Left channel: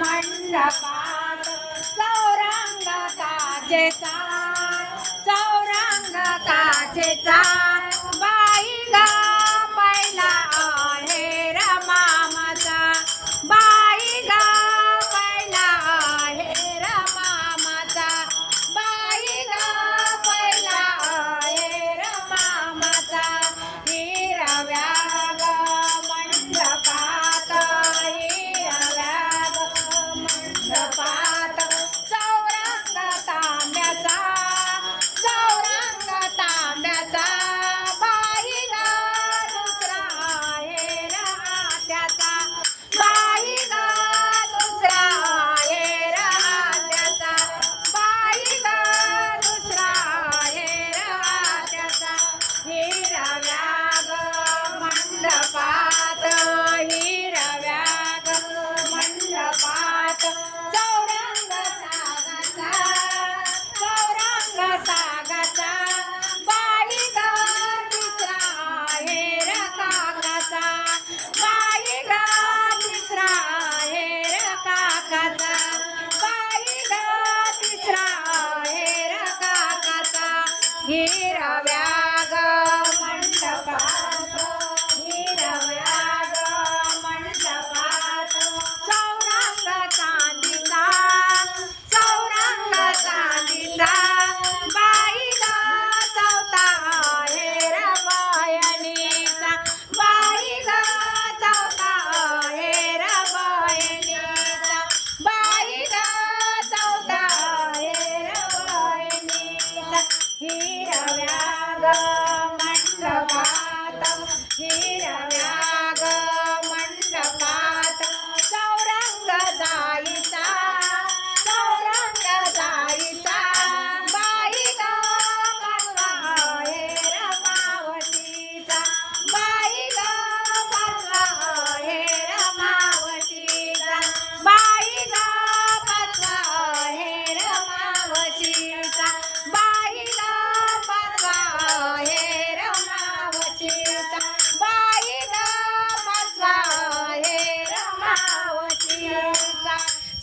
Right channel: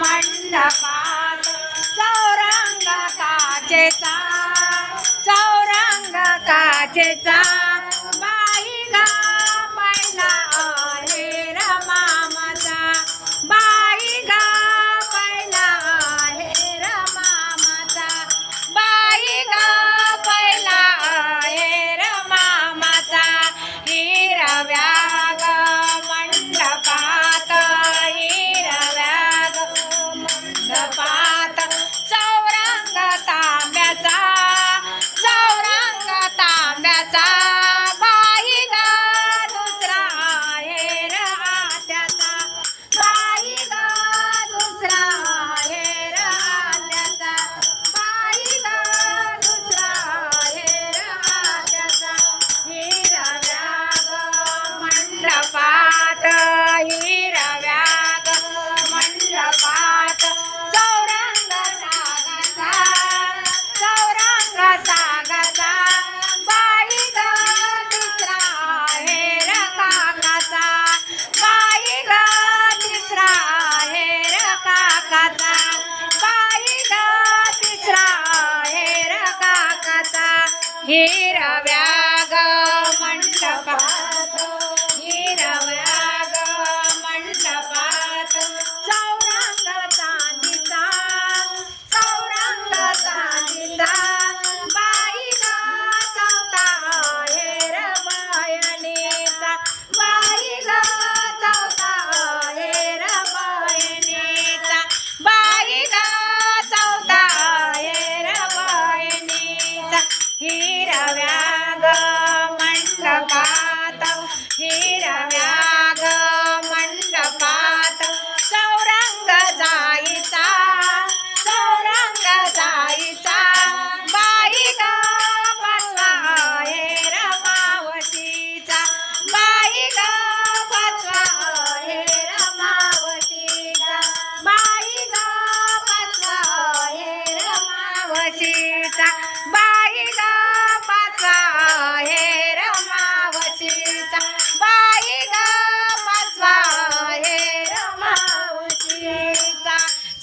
मंडपात. चौरंग काचेचा चौरंग काचेचा. बाई मामाचा. मामाचा. मामाचा. हिरव्या काकाचा बाई गा तिसरा हेरा काकाचा. हिरव्या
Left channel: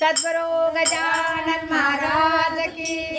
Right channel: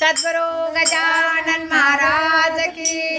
सद्गुरु गजानन महाराज की